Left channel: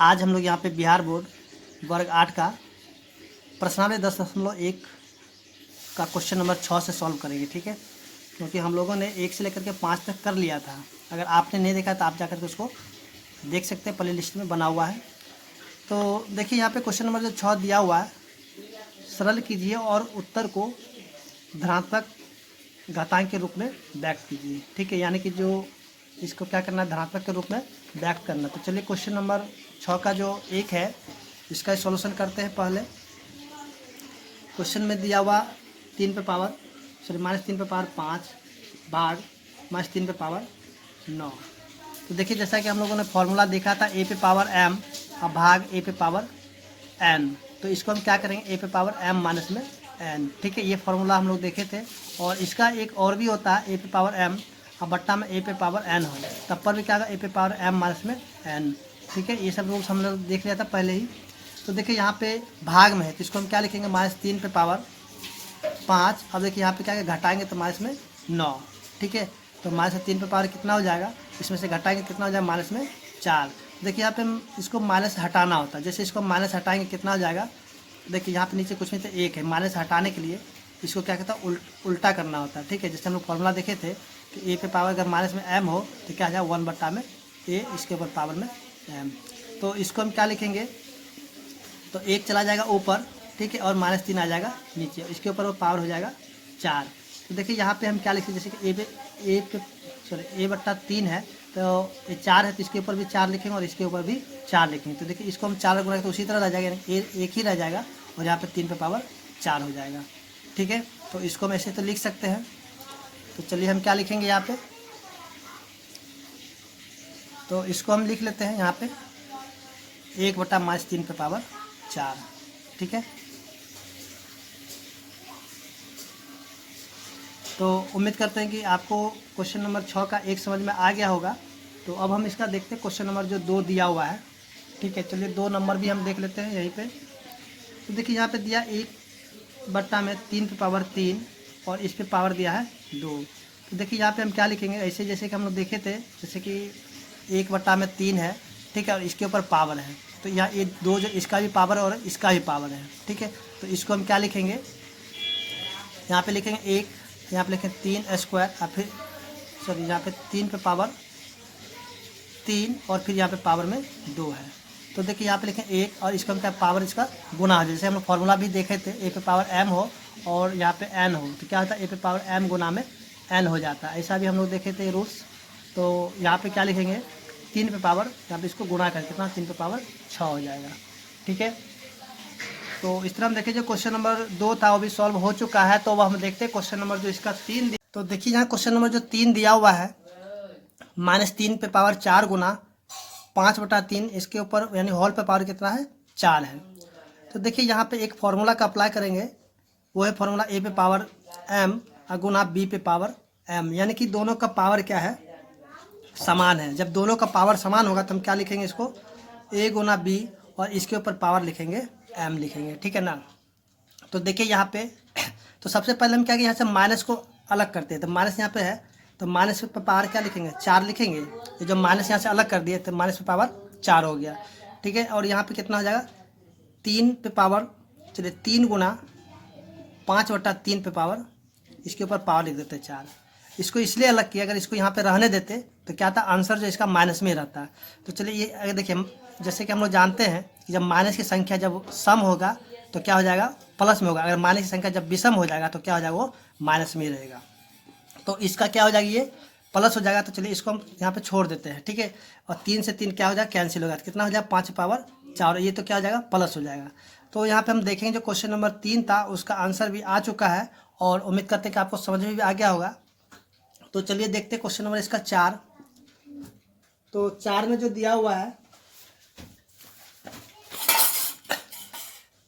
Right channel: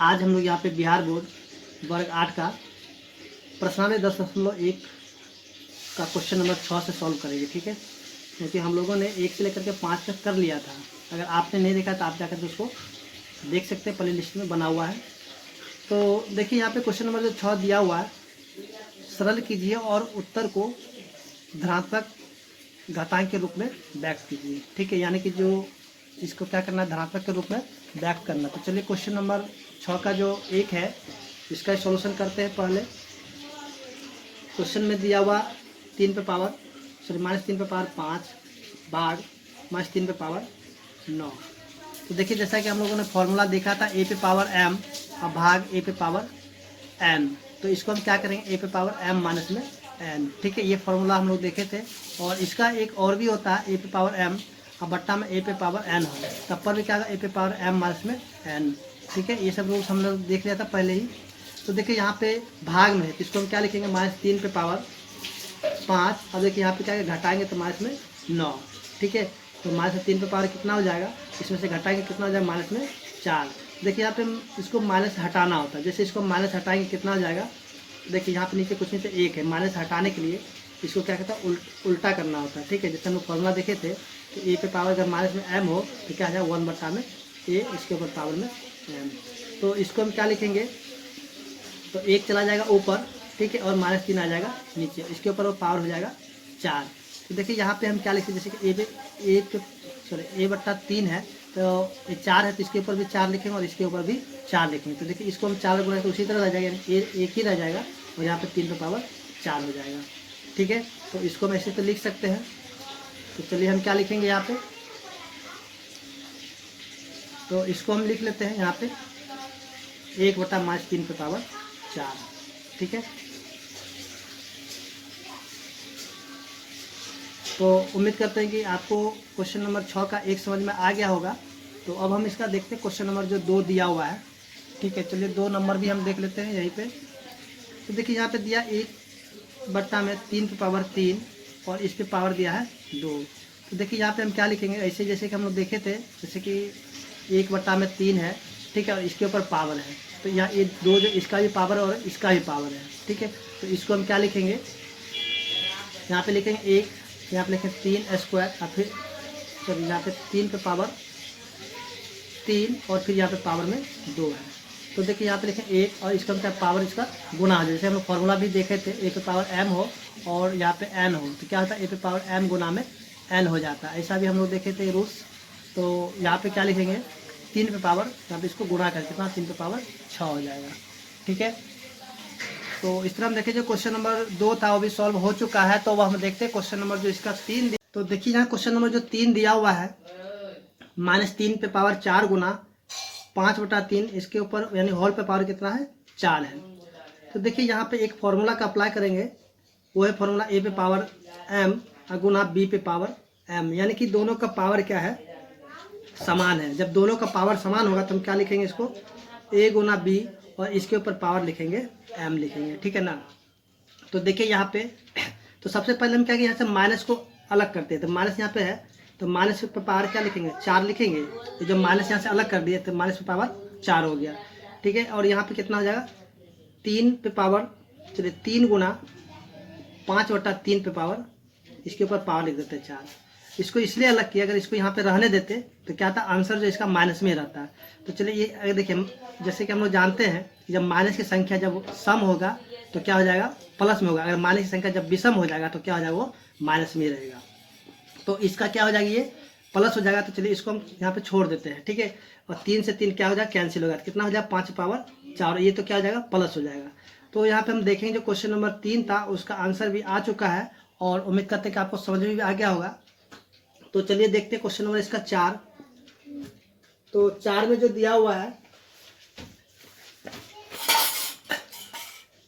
आज हम लोग यहाँ पे बिहार बोर्ड वर्ग 8 का प्रश्नावली 10.1 का क्वेश्चन नंबर 6 से सॉल्व करेंगे। ठीक है, क्योंकि हम लोगों ने 1 से लेकर के 5 तक कर लिया था। अगर आपने नहीं देखा तो आप जाकर के उसको देख सकते हैं, प्ले लिस्ट में बना हुआ है। तो देखिए यहाँ पे क्वेश्चन नंबर जो 6 दिया हुआ है, सरल कीजिए और उत्तर को धनात्मक घातांक के रूप में व्यक्त कीजिए। ठीक है, यानी कि जो इसको क्या करना है, धनात्मक के रूप में व्यक्त करना। तो चलिए क्वेश्चन नंबर 6 का जो 1 है इसका सॉल्यूशन करते हैं। पहले क्वेश्चन में दिया हुआ 3 पे पावर -3 पे पावर 5 भाग -3 पे पावर 9। तो देखिए जैसा कि हम लोगों ने फॉर्मूला देखा था a पे पावर m और भाग a पे पावर n, तो इसको हम क्या करेंगे a पे पावर m माइनस में n। ठीक है, ये फॉर्मूला हम लोग देखे थे। और इसका एक और भी होता है a पे पावर m और बट्टा में a पे पावर n हो, तब पर भी क्या होगा a पे पावर m माइनस में n। ठीक है, ये सब रूल्स हम लोग देख लिया था पहले ही। तो देखिए यहाँ पे भाग में है तो इसको हम क्या लिखेंगे, -3 पे पावर 5। अब देखिए यहाँ पे क्या है, घटाएंगे तो माइनस में 9। ठीक है, तो -3 पे पावर कितना हो जाएगा, इसमें से घटाएंगे कितना हो जाएगा, माइनस में 4। देखिए यहाँ पे इसको माइनस हटाना होता है, जैसे इसको माइनस हटाएंगे कितना हो जाएगा। देखिए यहाँ पे नीचे कुछ नहीं तो 1 है, माइनस हटाने के लिए इसको क्या कहता है, उल्टा करना होता है। ठीक है, जैसे हम लोग फॉर्मूला देखे थे कि a पे पावर अगर माइनस में m हो तो क्या आ जाएगा 1 बट्टा में a, इसके ऊपर पावर में m। तो इसको हम क्या लिखेंगे, तो 1 चला जाएगा ऊपर, ठीक है, और -3 आ जाएगा नीचे, इसके ऊपर वो पावर हो जाएगा 4। तो देखिए यहाँ पे हम क्या लिखते हैं, जैसे कि a बट्टा 3 है तो ये 4 है तो इसके ऊपर भी 4 लिखेंगे और इसके ऊपर भी 4 लिखेंगे। तो देखिए इसको हम 4 गुणा तो उसी तरह रह जाएगा, एक ही रह जाएगा और यहाँ पे 3 पे पावर 4 हो जाएगा। ठीक है, तो इसको हम ऐसे तो लिख सकते हैं। तो चलिए हम क्या लिखेंगे यहाँ पे, तो इसको हम लिख लेते हैं यहाँ पे 1 बटा -3 पे पावर 4। ठीक है, तो उम्मीद करते हैं कि आपको क्वेश्चन नंबर 6 का 1 समझ में आ गया होगा। तो अब हम इसका देखते हैं क्वेश्चन नंबर जो 2 दिया हुआ है। ठीक है, चलिए 2 नंबर भी हम देख लेते हैं यहीं पे। तो देखिए यहाँ पे दिया 1 बट्टा में 3 पे पावर 3 और इस पे पावर दिया है 2। तो देखिए यहाँ पे हम क्या लिखेंगे, ऐसे जैसे कि हम लोग देखे थे, जैसे कि 1 बट्टा में 3 है, ठीक है, इसके ऊपर पावर है तो यहाँ ये 2 जो इसका भी पावर और इसका भी पावर है। ठीक है, तो इसको हम क्या लिखेंगे, यहाँ पे लिखेंगे 1, यहाँ पे लिखें 3 स्क्वायर और फिर सॉरी यहाँ पे 3 पे पावर 3 और फिर यहाँ पे पावर में 2 है। तो देखिए यहाँ पे लिखें 1 और इसका क्या पावर इसका गुना हो, जैसे हम फॉर्मूला भी देखे थे a पे पावर m हो और यहाँ पे n हो तो क्या होता है a पे पावर m गुना में n हो जाता है। ऐसा भी हम लोग देखे थे रूल्स। तो यहाँ पे क्या लिखेंगे 3 पे पावर, यहाँ पे इसको गुना करके कितना 3 पे पावर 6 हो जाएगा। ठीक है, तो इस तरह हम देखिए जो क्वेश्चन नंबर 2 था वो भी सॉल्व हो चुका है। तो वह हम देखते हैं क्वेश्चन नंबर जो इसका 3। तो देखिए यहाँ क्वेश्चन नंबर जो 3 दिया हुआ है, -3 पे पावर 4 गुना 5 बटा 3, इसके ऊपर यानी होल पे पावर कितना है 4 है। तो देखिए यहाँ पे एक फॉर्मूला का अप्लाई करेंगे, वो है फॉर्मूला a पे पावर m गुना b पे पावर m, यानी कि दोनों का पावर क्या है, समान है। जब दोनों का पावर समान होगा तो हम क्या लिखेंगे, इसको a गुना b और इसके ऊपर पावर लिखेंगे m लिखेंगे। ठीक है ना। तो देखिए यहाँ पे तो सबसे पहले हम क्या कि यहाँ से माइनस को अलग करते हैं। तो माइनस यहाँ पे है तो माइनस पे पावर क्या लिखेंगे, 4 लिखेंगे। ये जो माइनस यहाँ से अलग कर दिए तो माइनस पे पावर 4 हो गया। ठीक है, और यहाँ पे कितना हो जाएगा 3 पे पावर, चलिए 3 गुना 5 बटा 3 पे पावर, इसके ऊपर पावर लिख देते हैं 4। इसको इसलिए अलग किया, अगर इसको यहाँ पे रहने देते तो क्या था, आंसर जो इसका माइनस में रहता है। तो चलिए ये अगर देखिए जैसे कि हम लोग जानते हैं कि जब माइनस की संख्या जब सम होगा तो क्या हो जाएगा, प्लस में होगा। अगर माइनस की संख्या जब विषम हो जाएगा तो क्या हो जाएगा, वो माइनस में रहेगा। तो इसका क्या हो जाएगा, ये प्लस हो जाएगा। तो चलिए इसको हम यहाँ पे छोड़ देते हैं। ठीक है, और 3 से 3 क्या हो जाएगा, कैंसिल हो जाएगा, कितना हो जाएगा 5 पावर 4, ये तो क्या हो जाएगा प्लस हो जाएगा। तो यहाँ पे हम देखेंगे जो क्वेश्चन नंबर 3 था उसका आंसर भी आ चुका है और उम्मीद करते हैं कि आपको समझ में भी आ गया होगा। तो चलिए देखते हैं क्वेश्चन नंबर इसका 4। तो 4 में जो दिया हुआ है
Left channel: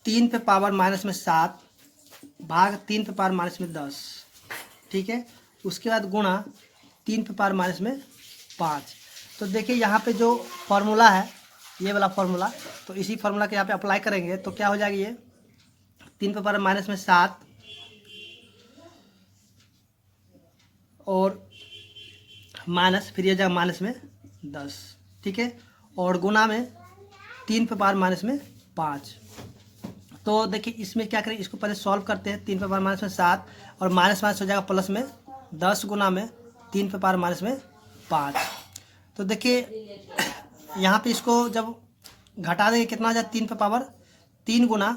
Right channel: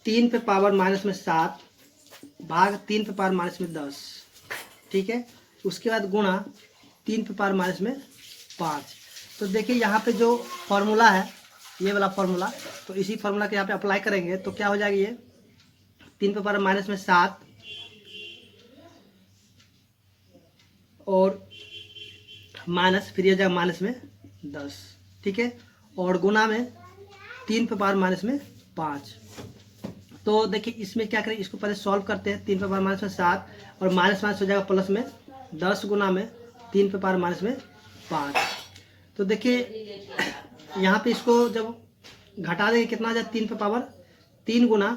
3 पे पावर माइनस में 7 भाग 3 पे पावर माइनस में 10। ठीक है, उसके बाद गुणा 3 पे पावर माइनस में 5। तो देखिए यहाँ पे जो फॉर्मूला है ये वाला फॉर्मूला, तो इसी फॉर्मूला के यहाँ पे अप्लाई करेंगे तो क्या हो जाएगा, ये 3 पे पावर माइनस में 7 और माइनस, फिर ये जाएगा माइनस में 10। ठीक है, और गुना में 3 पे पावर माइनस में 5। तो देखिए इसमें क्या करें, इसको पहले सॉल्व करते हैं। 3 पे पावर माइनस में 7 और माइनस माइनस हो जाएगा प्लस में 10 गुना में 3 पे पावर माइनस में 5। तो देखिए यहाँ पे इसको जब घटा देंगे कितना आ जाए, 3 पे पावर 3 गुना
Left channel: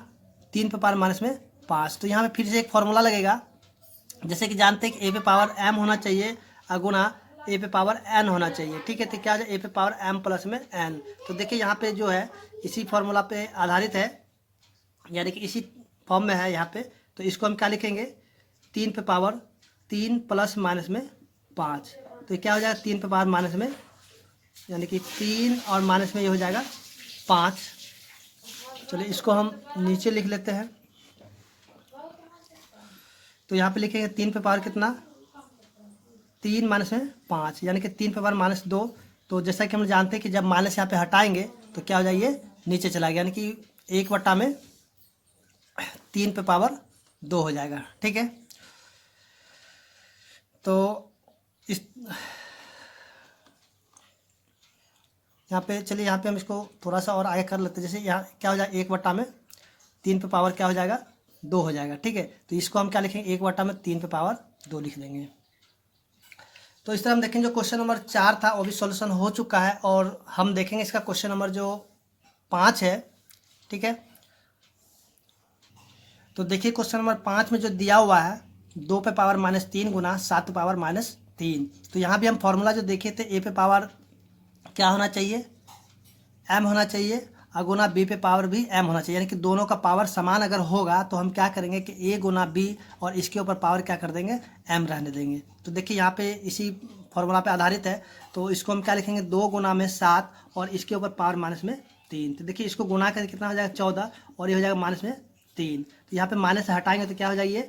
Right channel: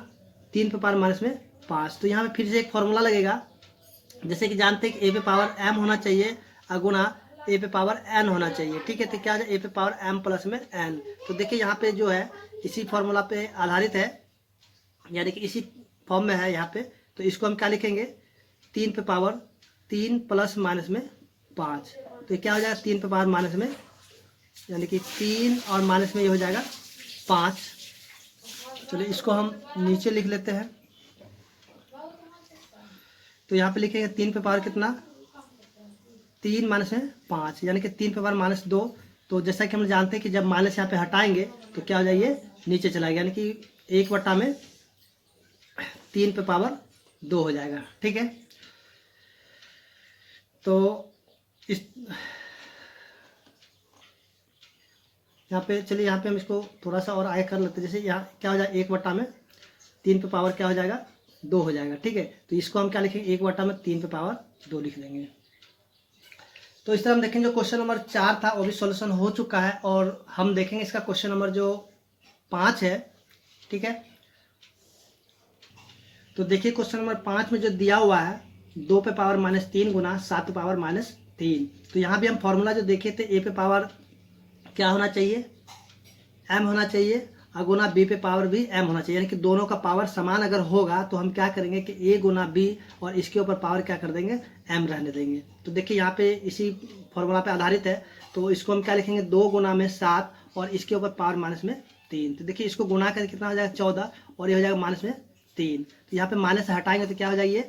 3 पे पावर माइनस में 5। तो यहाँ पे फिर से एक फॉर्मूला लगेगा, जैसे कि जानते हैं कि ए पे पावर m होना चाहिए और गुना ए पे पावर n होना चाहिए। ठीक है, तो क्या है, ए पे पावर m प्लस में n। तो देखिए यहाँ पे जो है इसी फॉर्मूला पे आधारित है, यानी कि इसी फॉर्म में है यहाँ पे। तो इसको हम क्या लिखेंगे, 3 पे पावर 3 प्लस माइनस में 5। तो क्या हो जाएगा, 3 पे पावर माइनस में, यानी कि 3 और माइनस में ये हो जाएगा 5। चलिए इसको हम नीचे लिख लेते हैं। तो यहाँ पे लिखेंगे 3 पे पावर कितना, 3 माइनस में 5, यानी कि 3 पे पावर माइनस 2। तो जैसा कि हम जानते हैं कि जब माइनस यहाँ पे हटाएंगे तो क्या हो जाएगा, नीचे चला गया, यानी कि 1 बटा में 3 पे पावर 2 हो जाएगा। ठीक है, तो इस यहाँ पे चलिए यहाँ पे हम इसको थोड़ा सा और आगे कर लेते हैं। जैसे यहाँ क्या हो जाएगा, 1 बटा में 3 पे पावर क्या हो जाएगा, 2 हो जाएगा। ठीक है, तो इसको हम क्या लिखेंगे, 1 बटा में 3 पे पावर 2 लिख देंगे। तो इस तरह हम देखेंगे जो क्वेश्चन नंबर 4 था वो भी सॉल्यूशन हो चुका है, और हम देखेंगे इसका क्वेश्चन नंबर जो 5 है। ठीक है, तो देखिए क्वेश्चन नंबर 5 में जो दिया हुआ है 2 पे पावर माइनस 3 गुना 7 पे पावर माइनस 3। तो यहाँ भी हम फॉर्मूला जो देखे थे, ए पे पावर क्या होना चाहिए, m होना चाहिए, और गुना b पे पावर भी m होना चाहिए, यानी कि दोनों का पावर समान अगर होगा तो हम क्या करेंगे कि a गुना b और इसके ऊपर पावर क्या कर देंगे, m रहने देंगे। तो देखिए यहाँ पे इसी फॉर्मूला पे आधारित है। तो इसको हम क्या लिखेंगे, 2 गुना में 7 और इसके ऊपर पावर माइनस में 3। तो देखिए इसको गुना करके कितना हो जाएगा, 14, और ये हो जाएगा माइनस में 3। तो यहाँ पे माइनस हटाएंगे तो क्या हो जाएगा,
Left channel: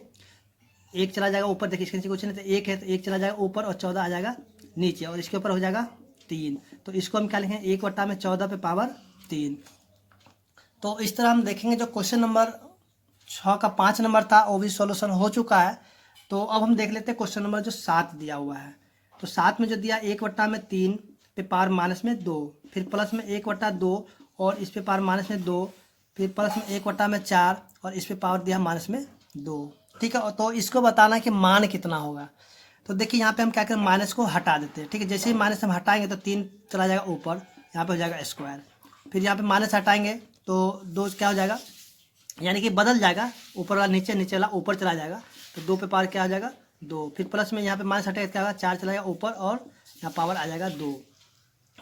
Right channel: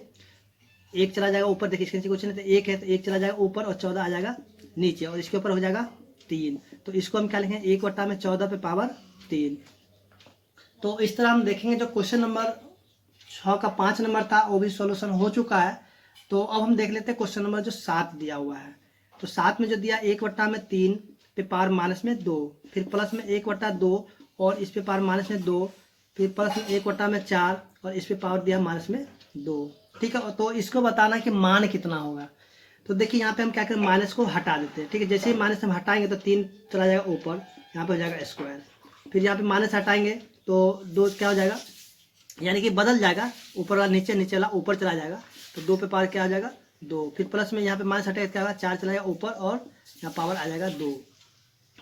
1 चला जाएगा ऊपर। देखिए इसके नीचे कुछ नहीं, तो 1 है तो 1 चला जाएगा ऊपर और 14 आ जाएगा नीचे, और इसके ऊपर हो जाएगा 3। तो इसको हम क्या लिखेंगे, 1 बटा में 14 पे पावर 3। तो इस तरह हम देखेंगे जो क्वेश्चन नंबर 6 का 5 नंबर था वो भी सॉल्यूशन हो चुका है। तो अब हम देख लेते हैं क्वेश्चन नंबर जो 7 दिया हुआ है। तो 7 में जो दिया, 1 बटा में 3 पे पावर माइनस में 2, फिर प्लस में 1 बटा 2 और इस पे पावर माइनस में 2, फिर प्लस में 1 बटा में 4 और इस पे पावर दिया माइनस में 2। ठीक है, तो इसको बताना है कि मान कितना होगा। तो देखिए यहाँ पे हम क्या करें, माइनस को हटा देते हैं। ठीक है, जैसे ही माइनस हम हटाएंगे तो 3 चला जाएगा ऊपर, यहाँ पे हो जाएगा स्क्वायर। फिर यहाँ पे माइनस हटाएंगे तो 2 क्या हो जाएगा, यानी कि बदल जाएगा, ऊपर वाला नीचे, नीचे वाला ऊपर चला जाएगा। तो 2 पे पावर क्या हो जाएगा, 2। फिर प्लस में यहाँ पे माइनस हटाएगा क्या होगा, 4 चला जाएगा ऊपर और यहाँ पावर आ जाएगा 2।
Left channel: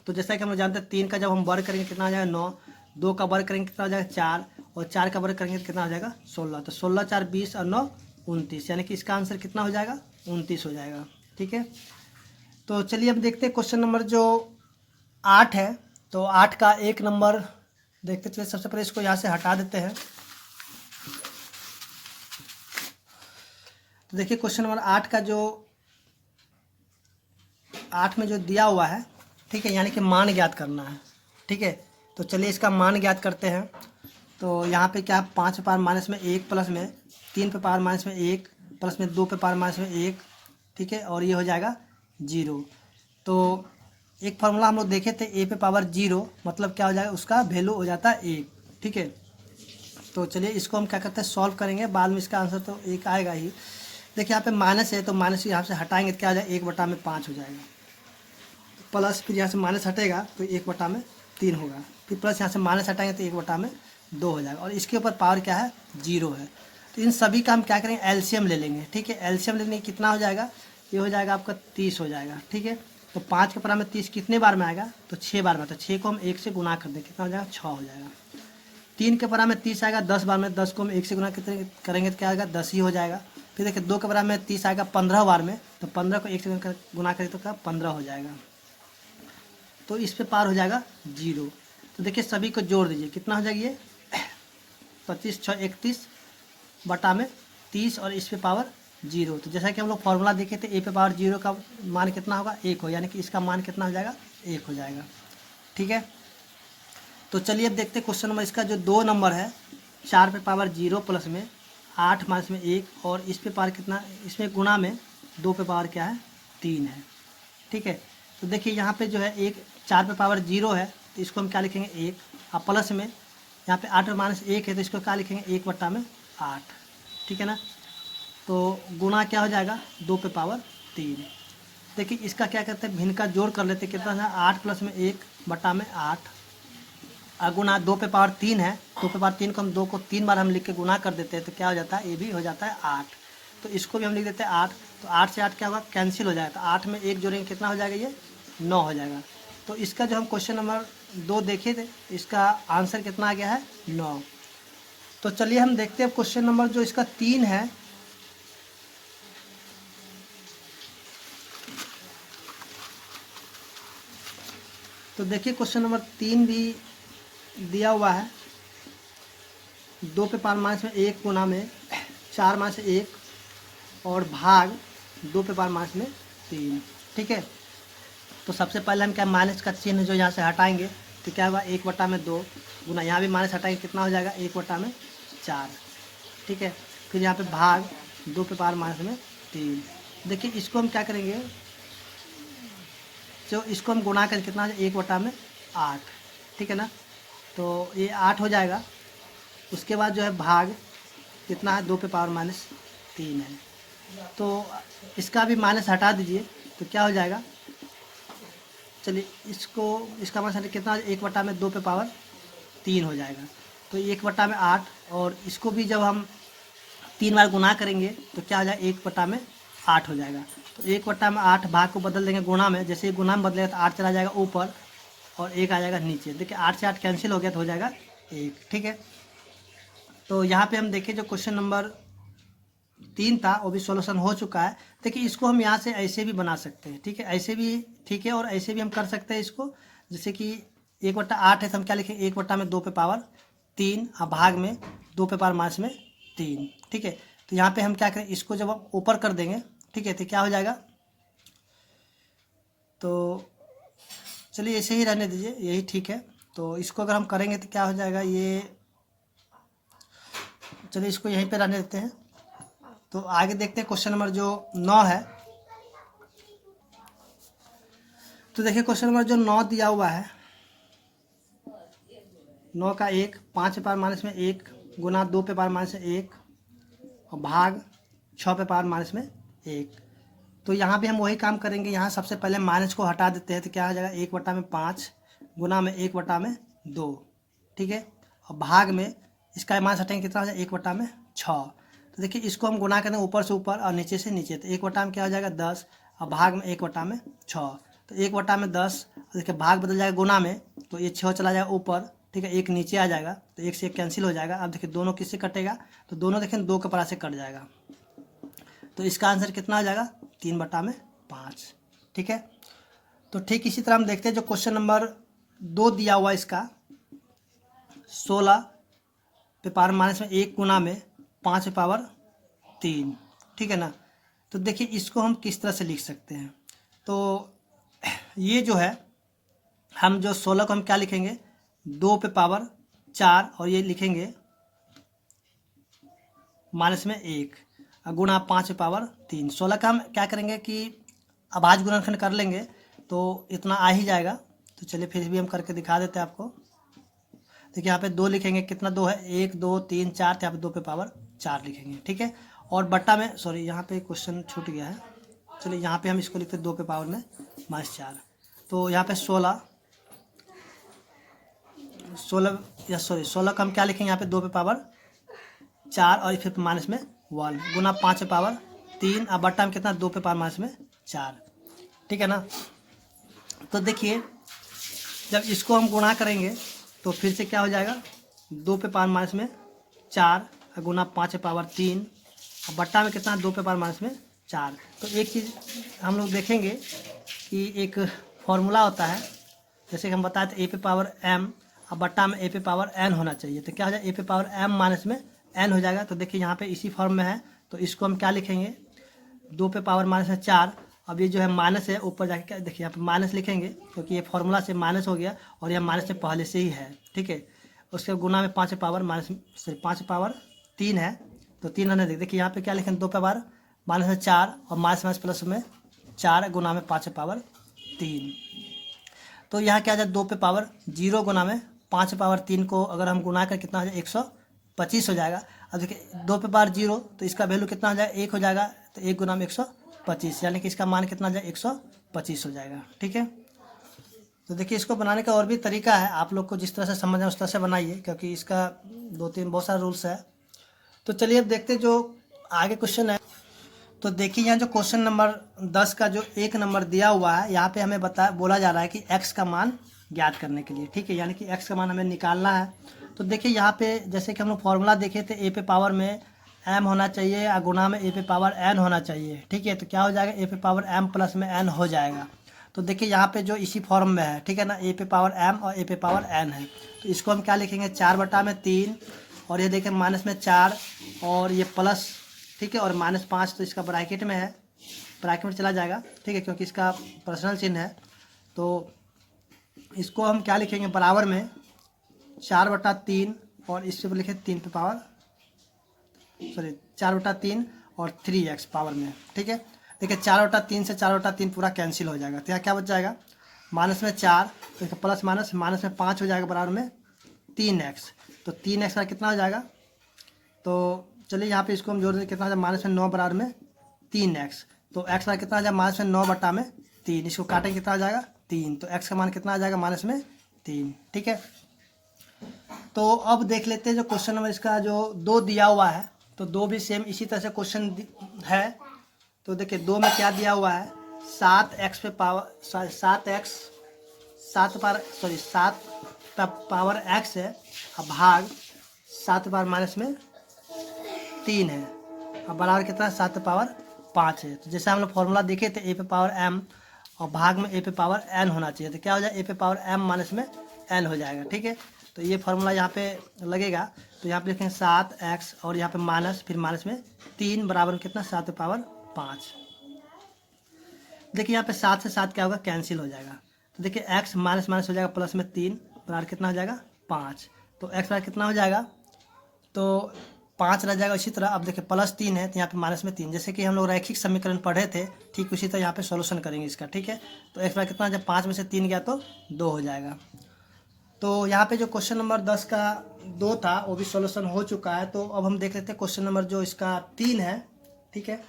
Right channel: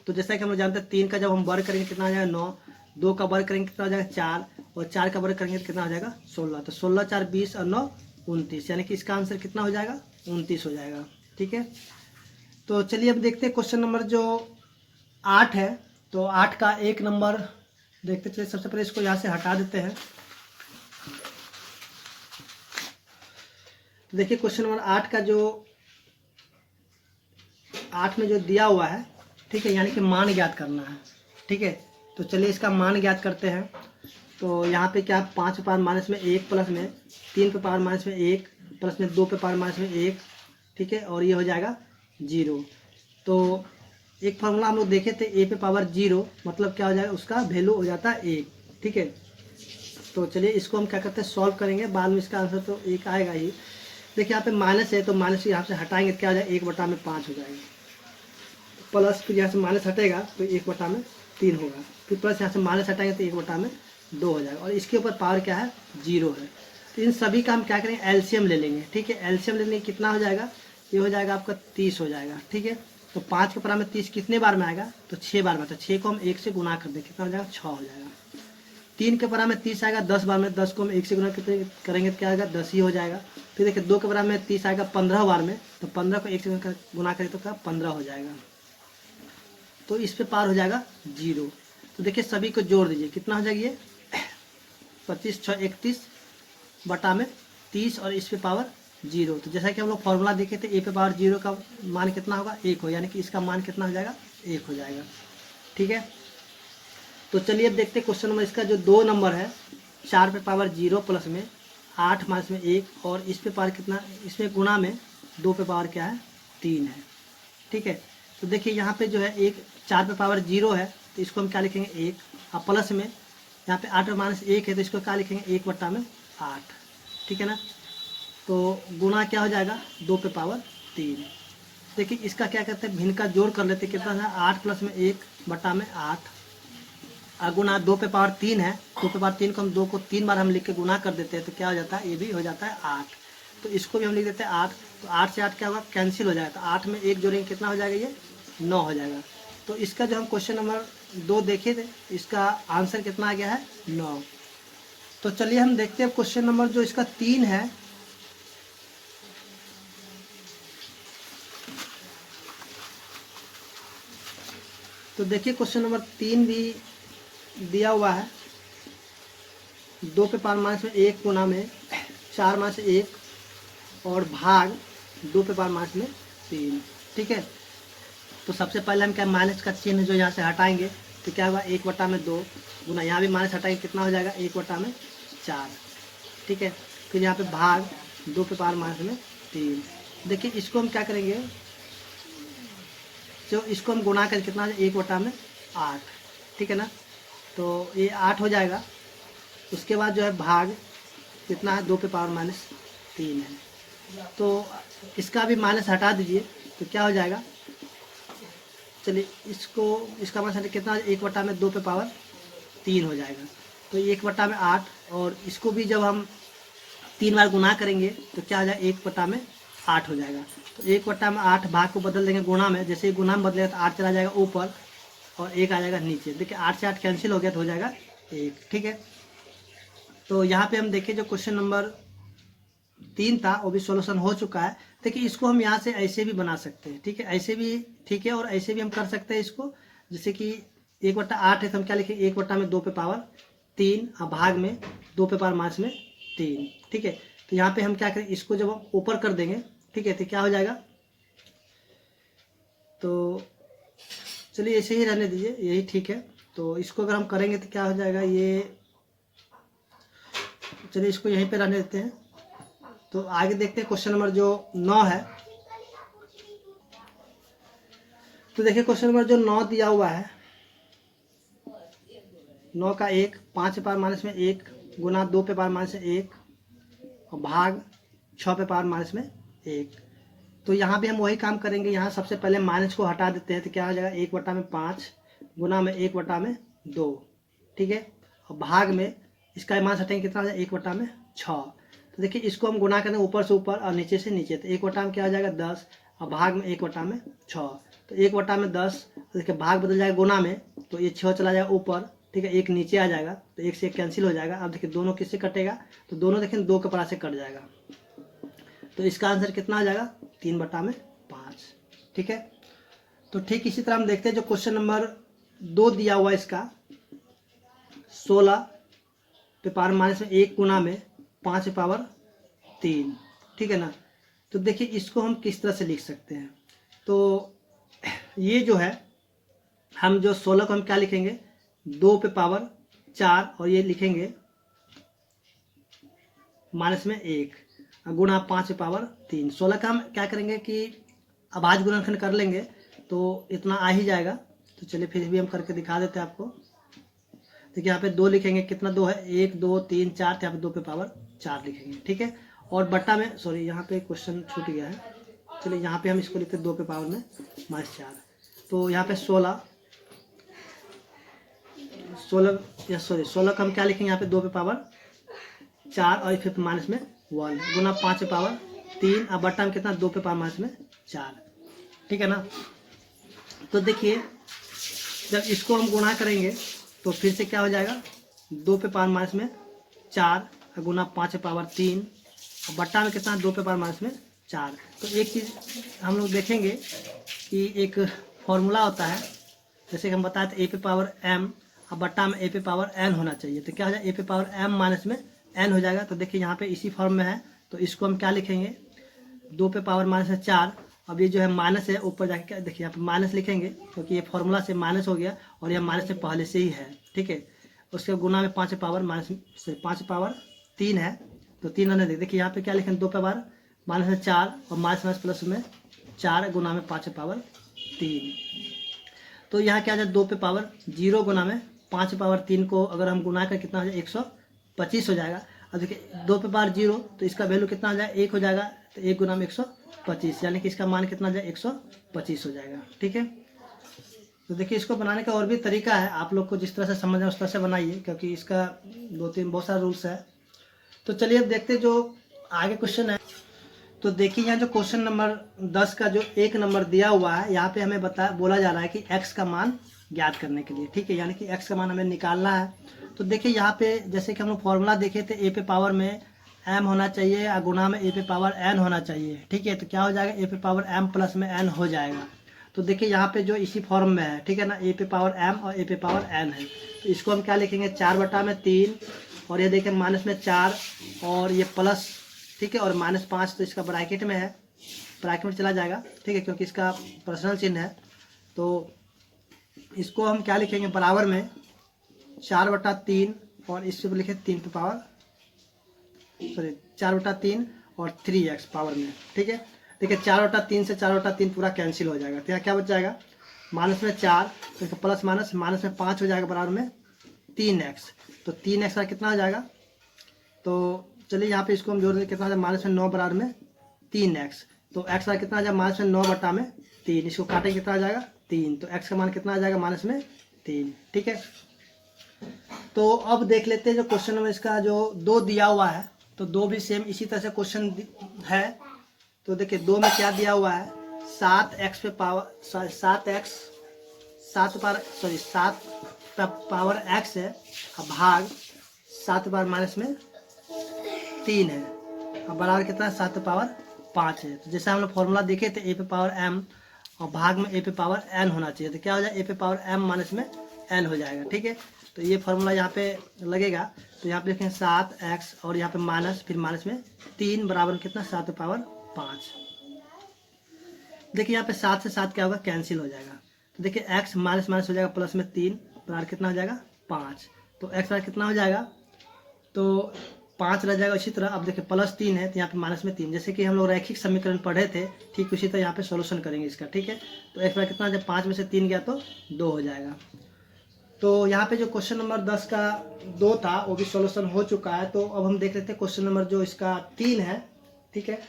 तो जैसा कि हम लोग जानते हैं 3 का जब हम वर्ग करेंगे कितना आ जाएगा, 9, 2 का वर्ग करेंगे कितना हो जाएगा, 4, और 4 का वर्ग करेंगे कितना हो जाएगा, 16। तो 16 4 20 और 9 29, यानी कि इसका आंसर कितना हो जाएगा, 29 हो जाएगा। ठीक है, तो चलिए अब देखते हैं क्वेश्चन नंबर जो 8 है। तो 8 का 1 नंबर देखते चलिए। सबसे पहले इसको यहाँ से हटा देते हैं। तो देखिए क्वेश्चन नंबर 8 का जो 8 में जो दिया हुआ है, ठीक है, यानी कि मान ज्ञात करना है। ठीक है, तो चलिए इसका मान ज्ञात करते हैं। तो यहाँ पे क्या, 5 पे पावर माइनस में 1 प्लस में 3 पे पावर माइनस में 1 प्लस में 2 पे पावर माइनस में 1। ठीक है, और ये हो जाएगा 0। तो एक फार्मूला हम लोग देखे थे, ए पे पावर 0 मतलब क्या हो जाएगा, उसका वैल्यू हो जाता है 1। ठीक है, तो चलिए इसको हम क्या करते हैं, सॉल्व करेंगे, बाद में इसका आंसर तो 1 आएगा ही। देखिए यहाँ पे माइनस है तो माइनस यहाँ से हटाएंगे तो क्या हो जाएगा, 1 बटा में 5 हो जाएगा। प्लस फिर यहाँ से माइनस हटेगा तो 1 बटा में 3 होगा। फिर प्लस यहाँ से माइनस हटाएंगे तो 1 बटा में 2 हो जाएगा, और इसके ऊपर पावर क्या है, 0 है। तो इन सभी का हम क्या करेंगे, एलसीएम ले लेंगे। ठीक है, एलसीएम लेने कितना हो जाएगा, ये हो जाएगा आपका 30 हो जाएगा। ठीक है, तो 5 के पावर में 30 कितने बार में आएगा, तो 6 बार में। तो 6 को हम 1 से गुना कर दें, कितना हो जाएगा, 6 हो जाएगा। 3 के पावर में 30 आएगा 10 बार में, 10 को हम 1 से गुना करेंगे तो क्या आएगा, 10 ही हो जाएगा। फिर देखिए 2 के पावर में 30 आएगा 15 बार में, तो 15 को 1 से गुना करें तो क्या 15 हो जाएगा। तो इस पे पावर हो जाएगा 0। तो देखिए सभी को जोड़ दीजिए, कितना हो जाएगा, ये 25 6 31 बटा में 30 और इस पे पावर 0। तो जैसा कि हम लोग फॉर्मूला देखे थे, ए पे पावर 0 का मान कितना होगा, 1 हो, यानी कि इसका मान कितना हो जाएगा, 1 हो जाएगा। ठीक है, तो चलिए अब देखते हैं क्वेश्चन नंबर इसका जो 2 नंबर है, 4 पे पावर 0 प्लस में 8 माइनस में 1 और इस पे पावर कितना, इसमें गुणा में 2 पे पावर क्या है, 3 है। ठीक है, तो देखिए यहाँ पे जो है एक 4 पे पावर 0 है तो इसको हम क्या लिखेंगे 1, और प्लस में यहाँ पे 8 और माइनस 1 है तो इसको क्या लिखेंगे 1/8, ठीक है ना। तो गुना क्या हो जाएगा 2 पे पावर 3। देखिए इसका क्या कहते हैं, भिन्न का जोड़ कर लेते हैं, कितना है 8 प्लस में 1/8, गुना 2 पे पावर 3 है, 2 पे पावर 3 को हम 2 को 3 बार हम लिख के गुना कर देते हैं तो क्या हो जाता है, ये भी हो जाता है 8। तो इसको भी हम लिख देते हैं 8, तो 8 से 8 क्या होगा कैंसिल हो जाएगा, 8 में 1 जोड़ेंगे कितना हो जाएगा, ये 9 हो जाएगा। तो इसका जो हम क्वेश्चन नंबर 2 देखे थे, इसका आंसर कितना आ गया है 9। तो चलिए हम देखते हैं क्वेश्चन नंबर जो इसका 3 है। तो देखिए क्वेश्चन नंबर 3 भी दिया हुआ है, 2 पे पावर माइनस में 1 गुना में 4 माइनस 1 और भाग 2 पे पावर माइनस में 3, ठीक है। तो सबसे पहले हम क्या माइनस का चिन्ह जो यहाँ से हटाएंगे तो क्या होगा 1/2 गुना, यहाँ भी माइनस हटाएंगे कितना हो जाएगा 1/4, ठीक है। फिर यहाँ पे भाग 2 पे पावर माइनस में 3। देखिए इसको हम क्या करेंगे, जो इसको हम गुना करके कितना 1/8, ठीक है ना। तो ये 8 हो जाएगा। उसके बाद जो है भाग कितना है 2 पे पावर माइनस 3 है, तो इसका भी माइनस हटा दीजिए तो क्या हो जाएगा, चलिए इसका माइनस कितना 1/2 पे पावर 3 हो जाएगा। तो 1/8 और इसको भी जब हम 3 बार गुना करेंगे तो क्या हो जाएगा 1/8 हो जाएगा। तो 1/8 भाग को बदल देंगे गुणा में, जैसे गुणा में बदलेगा तो 8 चला जाएगा ऊपर और 1 आ जाएगा नीचे। देखिए 8 से 8 कैंसिल हो गया तो हो जाएगा 1, ठीक है। तो यहाँ पे हम देखें जो क्वेश्चन नंबर 3 था वो भी सॉल्यूशन हो चुका है। देखिए इसको हम यहाँ से ऐसे भी बना सकते हैं, ठीक है, ऐसे भी ठीक है, और ऐसे भी हम कर सकते हैं इसको, जैसे कि 1/8 है तो हम क्या लिखें 1/2 पे पावर 3 और भाग में 2 पे पावर माइनस में 3, ठीक है। तो यहाँ पे हम क्या करें, इसको जब हम ऊपर कर देंगे, ठीक है, तो क्या हो जाएगा, तो चलिए ऐसे ही रहने दीजिए, यही ठीक है। तो इसको अगर हम करेंगे तो क्या हो जाएगा, ये चलिए इसको यहीं पे रहने देते हैं। तो आगे देखते हैं क्वेश्चन नंबर जो 9 है। तो देखिए क्वेश्चन नंबर जो 9 दिया हुआ है, 9 का 1 5 पे पावर माइनस में 1 गुना 2 पे पावर माइनस में 1 और भाग 6 पे पावर माइनस में 1। तो यहाँ भी हम वही काम करेंगे, यहाँ सबसे पहले माइनस को हटा देते हैं तो क्या हो जाएगा 1/5 गुना में 1/2, ठीक है, और भाग में इसका माइनस हटाएंगे कितना हो जाएगा 1/6। तो देखिए इसको हम गुना करें ऊपर से ऊपर और नीचे से नीचे, तो 1/में क्या हो जाएगा 10 और भाग में 1/6। तो 1/10, देखिए भाग बदल जाएगा गुना में, तो ये 6 चला जाएगा ऊपर, ठीक है, 1 नीचे आ जाएगा, तो 1 से 1 कैंसिल हो जाएगा। अब देखिए दोनों किससे कटेगा, तो दोनों देखें 2 के पास से कट जाएगा। तो इसका आंसर कितना हो जाएगा 3/5, ठीक है। तो ठीक इसी तरह हम देखते हैं जो क्वेश्चन नंबर 2 दिया हुआ इसका 16 पे पावर माइनस में 1 गुना में 5 पे पावर 3, ठीक है ना। तो देखिए इसको हम किस तरह से लिख सकते हैं, तो ये जो है हम जो 16 को हम क्या लिखेंगे 2 पे पावर 4 और ये लिखेंगे माइनस में 1 गुणा 5 पे पावर 3। 16 का हम क्या करेंगे कि अभाज्य गुणनखंड कर लेंगे तो इतना आ ही जाएगा। तो चलिए फिर भी हम करके दिखा देते हैं आपको। देखिए यहाँ पे 2 लिखेंगे, कितना 2 है 1 2 3 4, तो यहाँ पे 2 पे पावर 4 लिखेंगे, ठीक है। और बट्टा में सॉरी यहाँ पे क्वेश्चन छूट गया है, चलिए यहाँ पे हम इसको लिखते हैं 2 पे पावर में -4। तो यहाँ पे 16 का हम क्या लिखेंगे यहाँ पे 2 पे पावर 4 और फिर माइनस में 1 गुना 5 पे पावर 3 और बट्टा में कितना 2 पे पावर माइनस में 4, ठीक है ना। तो देखिए जब इसको हम गुणा करेंगे तो फिर से क्या हो जाएगा 2 पे पावर माइनस में 4 गुना 5 पे पावर 3 और बट्टा में कितना 2 पे पावर माइनस में 4। तो एक चीज़ हम लोग देखेंगे कि एक फॉर्मूला होता है, जैसे कि हम बताए थे a पे पावर m और बट्टा में a पे पावर n होना चाहिए। तो क्या हो जाएगा a पे पावर m माइनस में n हो जाएगा। तो देखिए यहाँ पे इसी फॉर्म में है, तो इसको हम क्या लिखेंगे 2 पे पावर माइनस में 4। अब ये जो है माइनस है ऊपर जाके देखिए यहाँ पे माइनस लिखेंगे क्योंकि ये फार्मूला से माइनस हो गया और यह माइनस से पहले से ही है, ठीक है। उसके गुना में 5 पावर माइनस से 5 पावर 3 है, तो 3 रहने देखिए यहाँ पे क्या लिखेंगे 2 पावर माइनस में 4 और माइनस माइनस प्लस में 4 गुना में 5 पावर 3। तो यहाँ क्या आ जाए 2 पे पावर 0 गुना में 5 पे पावर 3 को अगर हम गुना कर कितना हो जाए 125 हो जाएगा। अब देखिए 2 पे पावर 0 तो इसका वैल्यू कितना हो जाए 1 हो जाएगा, तो 1 गुना में 125 यानी कि इसका मान कितना हो जाए 125 हो जाएगा। ठीक है, तो देखिए इसको बनाने का और भी तरीका है, आप लोग को जिस तरह से समझ है उस तरह से बनाइए, क्योंकि इसका 2-3 बहुत सारे रूल्स है। तो चलिए अब देखते जो आगे क्वेश्चन है। तो देखिए यहाँ जो क्वेश्चन नंबर 10 का जो 1 नंबर दिया हुआ है, यहाँ पे हमें बोला जा रहा है कि x का मान ज्ञात करने के लिए। ठीक है, यानी कि x का मान हमें निकालना है। तो देखिए यहाँ पे जैसे कि हम लोग फॉर्मूला देखे थे, a पे पावर में m होना चाहिए या गुना में a पे पावर n होना चाहिए। ठीक है, तो क्या हो जाएगा a पे पावर m प्लस में n हो जाएगा। तो देखिए यहाँ पे जो इसी फॉर्म में है, ठीक है ना, a पे पावर m और a पे पावर n है, तो इसको हम क्या लिखेंगे 4/3 और ये देखिए माइनस में 4 और ये प्लस, ठीक है, और -5 तो इसका ब्रैकेट में है, ब्रैकेट में चला जाएगा। ठीक है, क्योंकि इसका पर्सनल चिन्ह है। तो इसको हम क्या लिखेंगे बराबर में 4/3 और इस पर लिखे 4/3 और 3x पावर में। ठीक है, देखिए 4/3 से 4/3 पूरा कैंसिल हो जाएगा, तो यहाँ क्या बच जाएगा माइनस में 4 तो प्लस माइनस माइनस में 5 हो जाएगा बराबर में 3x। तो 3x का कितना हो जाएगा, तो चलिए यहाँ पे इसको हम जोड़ दें, कितना हो जाए माइनस में 9 बराबर में 3x। तो x का कितना आ जाएगा माइनस में 9/3, इसको काटें कितना आ जाएगा 3, तो x का मान कितना आ जाएगा माइनस में 3। ठीक है, तो अब देख लेते हैं जो क्वेश्चन नंबर इसका जो 2 दिया हुआ है, तो 2 भी सेम इसी तरह से क्वेश्चन है। तो देखिए 2 में क्या दिया हुआ है 7x पे पावर 7 पावर x है, अब भाग 7 पावर माइनस में 3 है, अब बराबर कितना 7 पावर 5 है। तो जैसे हम लोग फॉर्मूला देखे थे a पे पावर m और भाग में a पे पावर n होना चाहिए, तो क्या हो जाए a पे पावर m माइनस में n हो जाएगा। ठीक है, तो ये फॉर्मूला यहाँ पे लगेगा, तो यहाँ पे लिखेंगे 7x और यहाँ पे माइनस फिर माइनस में 3 बराबर कितना 7 पावर 5। देखिए यहाँ पे 7 से 7 क्या होगा कैंसिल हो जाएगा, तो देखिए x माइनस माइनस हो जाएगा प्लस में 3 बराबर कितना हो जाएगा 5, तो x बराबर कितना हो जाएगा तो 5 रह जाएगा। इसी तरह अब देखिए प्लस 3 है तो यहाँ पे माइनस में 3, जैसे कि हम लोग रैखिक समीकरण पढ़े थे ठीक उसी तरह यहाँ पे सॉल्यूशन करेंगे इसका। ठीक है, तो x बराबर कितना जब 5 में से 3 गया तो 2 हो जाएगा। तो यहाँ पे जो क्वेश्चन नंबर 10 का 2 था वो भी सॉल्यूशन हो चुका है। तो अब हम देख लेते हैं क्वेश्चन नंबर जो इसका 3 है। ठीक है,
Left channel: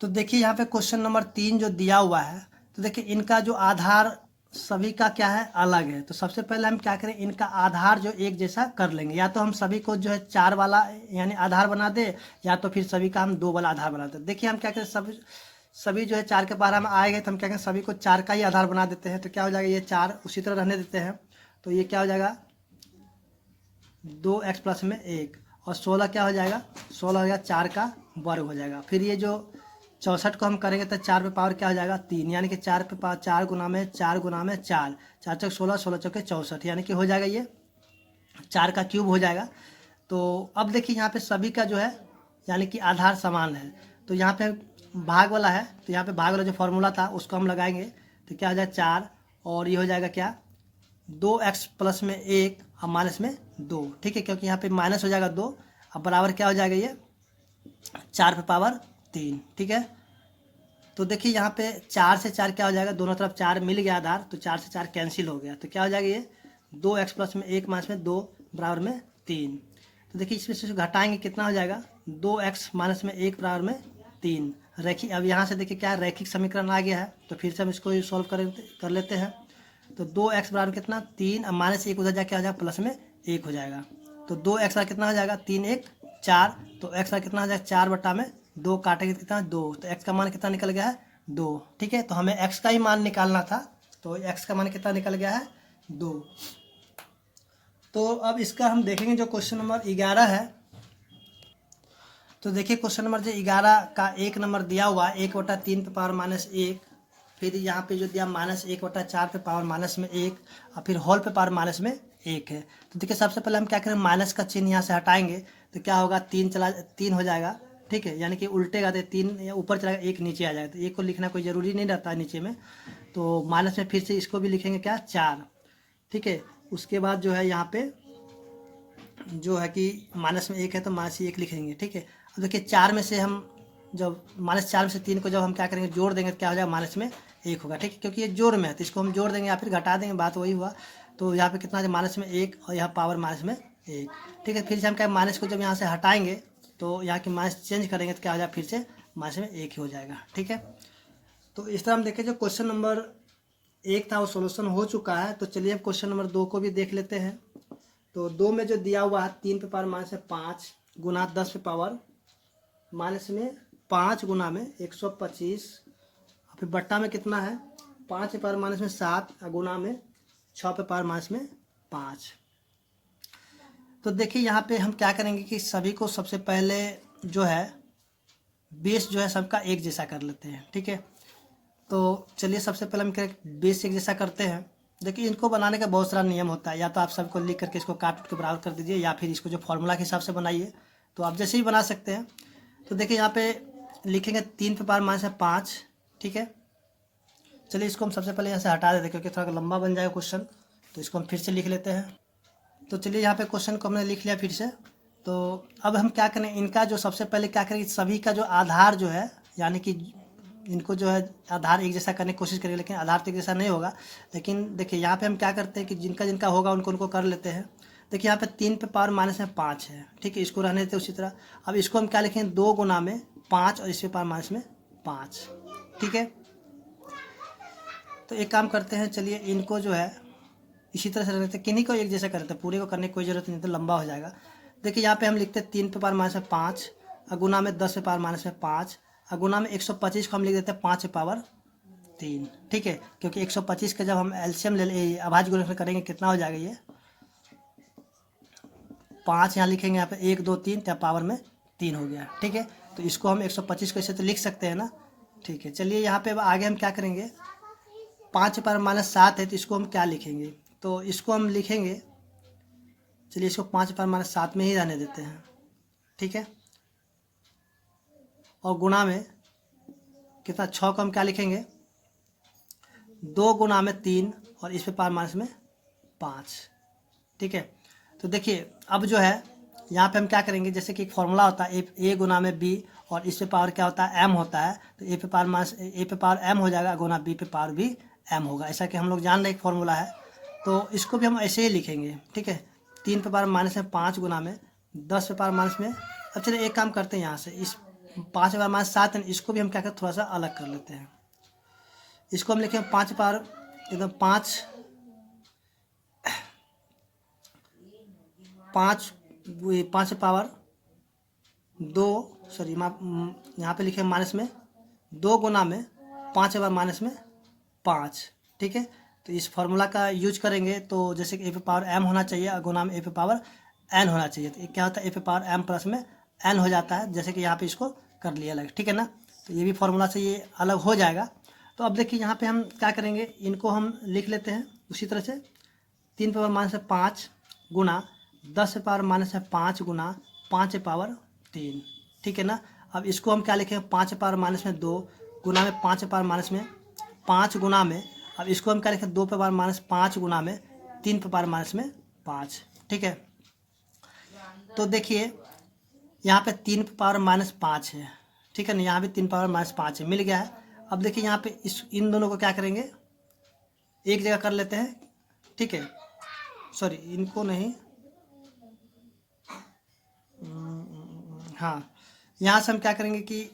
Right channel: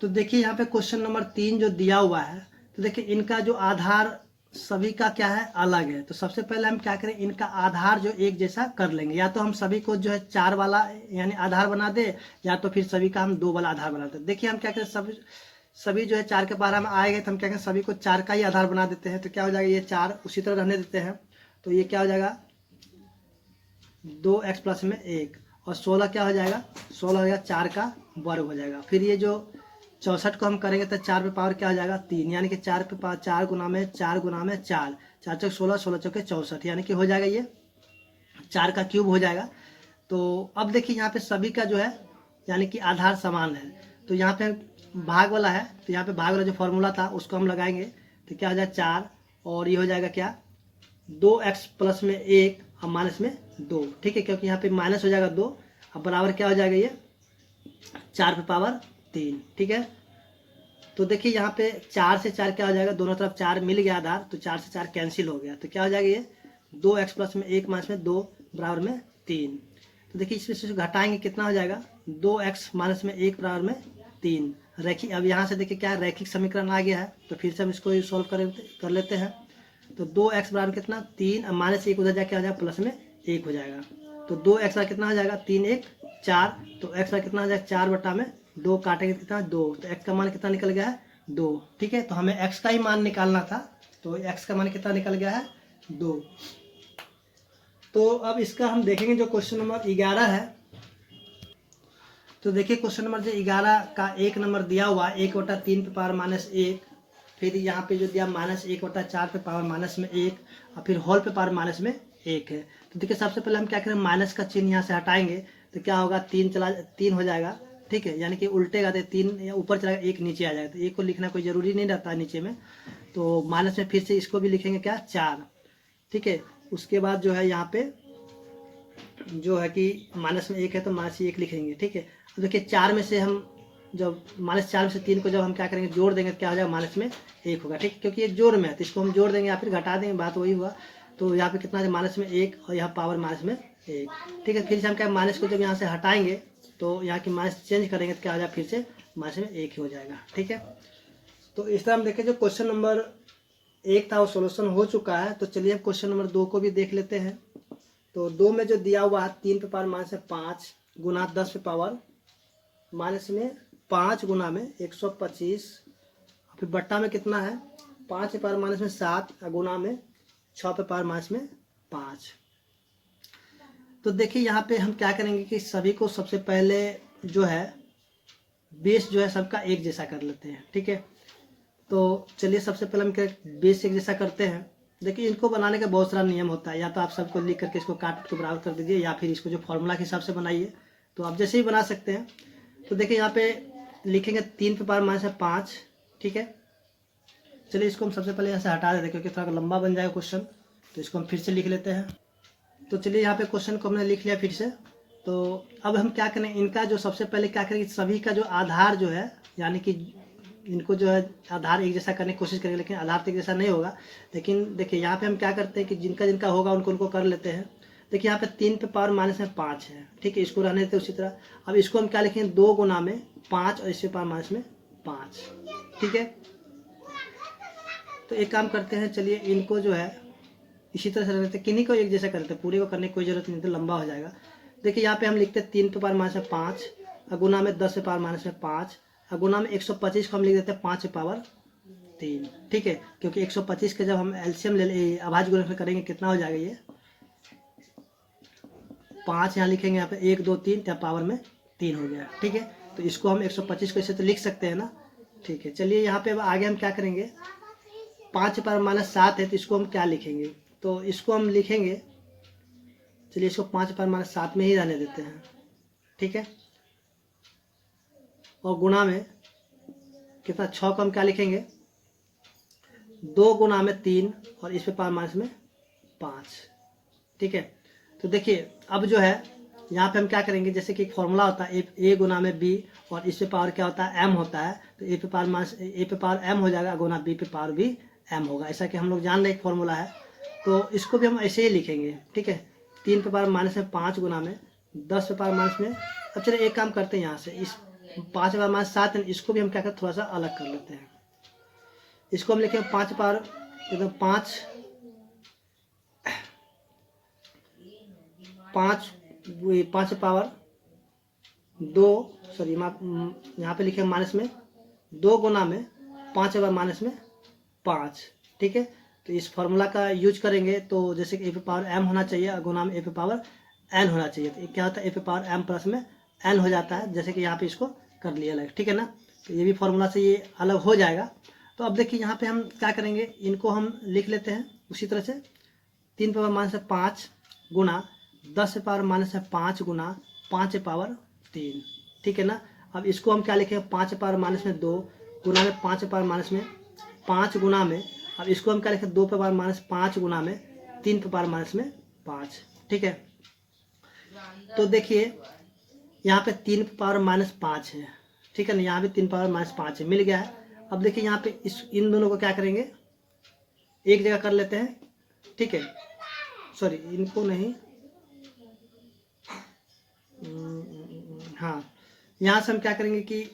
तो देखिए यहाँ पे क्वेश्चन नंबर 3 जो दिया हुआ है, तो देखिए इनका जो आधार सभी का क्या है अलग है। तो सबसे पहले हम क्या करें इनका आधार जो एक जैसा कर लेंगे, या तो हम सभी को जो है 4 वाला यानी आधार बना दे, या तो फिर सभी का हम 2 वाला आधार बना दे। देखिए हम क्या करें सभी जो है 4 के बारे में आएंगे तो हम क्या करें सभी को 4 का ही आधार बना देते हैं। तो क्या हो जाएगा ये 4 उसी तरह रहने देते हैं, तो ये क्या हो जाएगा 2x प्लस में 1 और 16 क्या हो जाएगा 16 हो जाएगा 4 का वर्ग हो जाएगा। फिर ये जो 64 को हम करेंगे तो 4 पे पावर क्या हो जाएगा 3, यानी कि 4 पे पावर 4 गुना में 4 गुना में 4 4 चौक 16 16 चौके 64, यानी कि हो जाएगा ये 4 का क्यूब हो जाएगा। तो अब देखिए यहाँ पे सभी का जो है यानी कि आधार समान है, तो यहाँ पे भाग वाला है, तो यहाँ पे भाग वाला जो फॉर्मूला था उसको हम लगाएंगे तो क्या हो जाएगा 4 और ये हो जाएगा क्या 2x प्लस में 1 और माइनस में 2। ठीक है, क्योंकि यहाँ पे माइनस हो जाएगा 2, अब बराबर क्या हो जाएगा ये 4 पे पावर 3। ठीक है, तो देखिए यहाँ पे 4 से 4 क्या हो जाएगा दोनों तरफ 4 मिल गया आधार, तो 4 से 4 कैंसिल हो गया, तो क्या हो जाएगा ये 2x प्लस में 1 माइनस में 2 बराबर में 3। तो देखिए इसमें से घटाएंगे कितना हो जाएगा 2x माइनस में 1 बराबर में 3 रैखिक। अब यहाँ से देखिए क्या रैखिक समीकरण आ गया है, तो फिर से हम इसको सॉल्व कर लेते हैं। तो 2x बराबर कितना 3 और माइनस 1 उधर जाके क्या हो जाएगा प्लस में 1 हो जाएगा, तो 2x का कितना हो जाएगा 3 1 4, तो x का कितना हो जाएगा 4 बटा में 2 काटेंगे कितना 2, तो x का मान कितना निकल गया है 2। ठीक है, तो हमें x का ही मान निकालना था, तो x का मान कितना निकल गया है 2। तो अब इसका हम देखेंगे जो क्वेश्चन नंबर 11 है। तो देखिए क्वेश्चन नंबर जो 11 का 1 नंबर दिया हुआ 1/3 पे पावर माइनस 1, फिर यहाँ पे जो दिया -1/4 पे पावर माइनस में 1 और फिर होल पे पावर माइनस में 1 है। तो देखिए सबसे पहले हम क्या करें माइनस का चिन्ह यहाँ से हटाएंगे, तो क्या होगा 3 हो जाएगा। ठीक है, यानी कि उल्टेगा तो 3 ऊपर चलाएगा 1 नीचे आ जाएगा, तो 1 को लिखना कोई ज़रूरी नहीं रहता नीचे में, तो माइनस में फिर से इसको भी लिखेंगे क्या 4। ठीक है, उसके बाद जो है यहाँ पे जो है कि माइनस में 1 है तो माइनस 1 लिखेंगे। ठीक है, अब देखिए 4 में से हम जब -4 में से 3 को जब हम क्या करेंगे जोड़ देंगे तो क्या हो जाएगा, माइनस में 1 होगा। ठीक है, क्योंकि ये जोड़ में है तो इसको हम जोड़ देंगे या फिर घटा देंगे, बात वही हुआ। तो यहाँ पे कितना है, माइनस में 1 और यहाँ पावर माइनस में 1। ठीक है, फिर से हम क्या माइनस को जब यहाँ से हटाएंगे तो यहाँ की माइनस चेंज करेंगे तो क्या हो जाएगा, फिर से माइनस में 1 ही हो जाएगा। ठीक है, तो इस तरह हम देखें जो क्वेश्चन नंबर 1 था वो सोल्यूशन हो चुका है। तो चलिए हम क्वेश्चन नंबर 2 को भी देख लेते हैं। तो 2 में जो दिया हुआ है 3 पे पावर माइनस में 5 गुना 10 पे पावर माइनस में 5 गुना में 125, फिर बट्टा में कितना है 5 पे पावर माइनस में 7 गुना में 6 पे पावर माइनस में 5। तो देखिए यहाँ पे हम क्या करेंगे कि सभी को सबसे पहले जो है बेस जो है सबका एक जैसा कर लेते हैं। ठीक है, तो चलिए सबसे पहले हम बेस एक जैसा करते हैं। देखिए इनको बनाने का बहुत सारा नियम होता है, या तो आप सबको लिख करके इसको काट के बराबर कर दीजिए या फिर इसको जो फॉर्मूला के हिसाब से बनाइए, तो आप जैसे ही बना सकते हैं। तो देखिए यहाँ पे लिखेंगे 3 पे पावर माइनस में 5। ठीक है, चलिए इसको हम सबसे पहले यहाँ से हटा देते हैं क्योंकि थोड़ा लंबा बन जाएगा क्वेश्चन, तो इसको हम फिर से लिख लेते हैं। तो चलिए यहाँ पे क्वेश्चन को हमने लिख लिया फिर से। तो अब हम क्या करें, इनका जो सबसे पहले क्या करेंगे, सभी का जो आधार जो है, यानी कि इनको जो है आधार एक जैसा करने की कोशिश करेंगे, लेकिन आधार तो एक जैसा नहीं होगा। लेकिन देखिए यहाँ पे हम क्या करते हैं कि जिनका जिनका होगा उनको कर लेते हैं। देखिए यहाँ पे 3 पे पावर माइनस में 5 है। ठीक है, इसको रहने देते उसी तरह। अब इसको हम क्या लिखेंगे 2 गुना में 5 और इस पे पावर माइनस में 5। ठीक है, तो एक काम करते हैं, चलिए इनको जो है इसी तरह से रहते हैं, किन्हीं को एक जैसा करते हैं, पूरे को करने की कोई जरूरत नहीं, तो लंबा हो जाएगा। देखिए यहाँ पे हम लिखते हैं 3 पे पावर माइनस में 5 गुना में 10 पे पावर माइनस में 5 गुना में 125 को हम लिख देते हैं 5 पे पावर 3। ठीक है, क्योंकि 125 का जब हम एलसीएम ले अभाज्य गुणनफल करेंगे कितना हो जाएगा, ये 5 यहाँ लिखेंगे, यहाँ पे 1 2 3 तब पावर में 3 हो गया। ठीक है, तो इसको हम 125 को ऐसे तो लिख सकते हैं ना। ठीक है, चलिए यहाँ पे अब आगे हम क्या करेंगे, 5 पे पावर माइनस 7 है तो इसको हम क्या लिखेंगे, तो इसको हम लिखेंगे, चलिए इसको 5 पे पावर माइनस 7 में ही रहने देते हैं। ठीक है, और गुणा में कितना 6 को हम क्या लिखेंगे 2 गुना में 3 और इस पे पावर माइनस में 5। ठीक है, तो देखिए अब जो है यहाँ पे हम क्या करेंगे, जैसे कि एक फॉर्मूला होता है ए गुना में बी और इस पे पावर क्या होता है एम होता है, तो ए पे पावर माइनस ए पे पावर एम हो जाएगा गुना बी पे पावर भी एम होगा। ऐसा कि हम लोग जान रहे एक फॉर्मूला है, तो इसको भी हम ऐसे ही लिखेंगे। ठीक है, 3 पे पावर माइनस में 5 गुना में 10 पे पावर माइनस में। अब चलिए एक काम करते हैं, यहाँ से इस 5 पे पावर माइनस 7 है, इसको भी हम क्या करते थोड़ा सा अलग कर लेते हैं। इसको हम लिखेंगे 5 पावर एकदम 5 पावर 2, सॉरी यहाँ पे लिखे माइनस में 2 गुना में 5 पावर माइनस में 5। ठीक है, तो इस फॉर्मूला का यूज करेंगे, तो जैसे कि ए पे पावर एम होना चाहिए और गुना में ए पे पावर एन होना चाहिए, तो क्या होता है ए पे पावर एम प्लस में एन हो जाता है, जैसे कि यहाँ पे इसको कर लिया अलग। ठीक है ना, तो ये भी फॉर्मूला से ये अलग हो जाएगा। तो अब देखिए यहाँ पे हम क्या करेंगे, इनको हम लिख लेते हैं उसी तरह से 3 पे पावर माइनस में 5 गुना 10 पे पावर माइनस में 5 गुना 5 पे पावर 3। ठीक है ना, अब इसको हम क्या लिखेंगे 5 पे पावर माइनस में 2 गुना में 5 पे पावर माइनस में 5 गुना में, अब इसको हम क्या लिखें 2 पे पावर माइनस 5 गुना में 3 पे पावर माइनस में 5। ठीक है, तो देखिए यहाँ पे 3 पे पावर माइनस 5 है। ठीक है ना, यहाँ भी 3 पावर माइनस 5 है, मिल गया है। अब देखिए यहाँ पे इन दोनों को क्या करेंगे एक जगह कर लेते हैं। ठीक है, सॉरी इनको नहीं, हाँ यहाँ से हम क्या करेंगे कि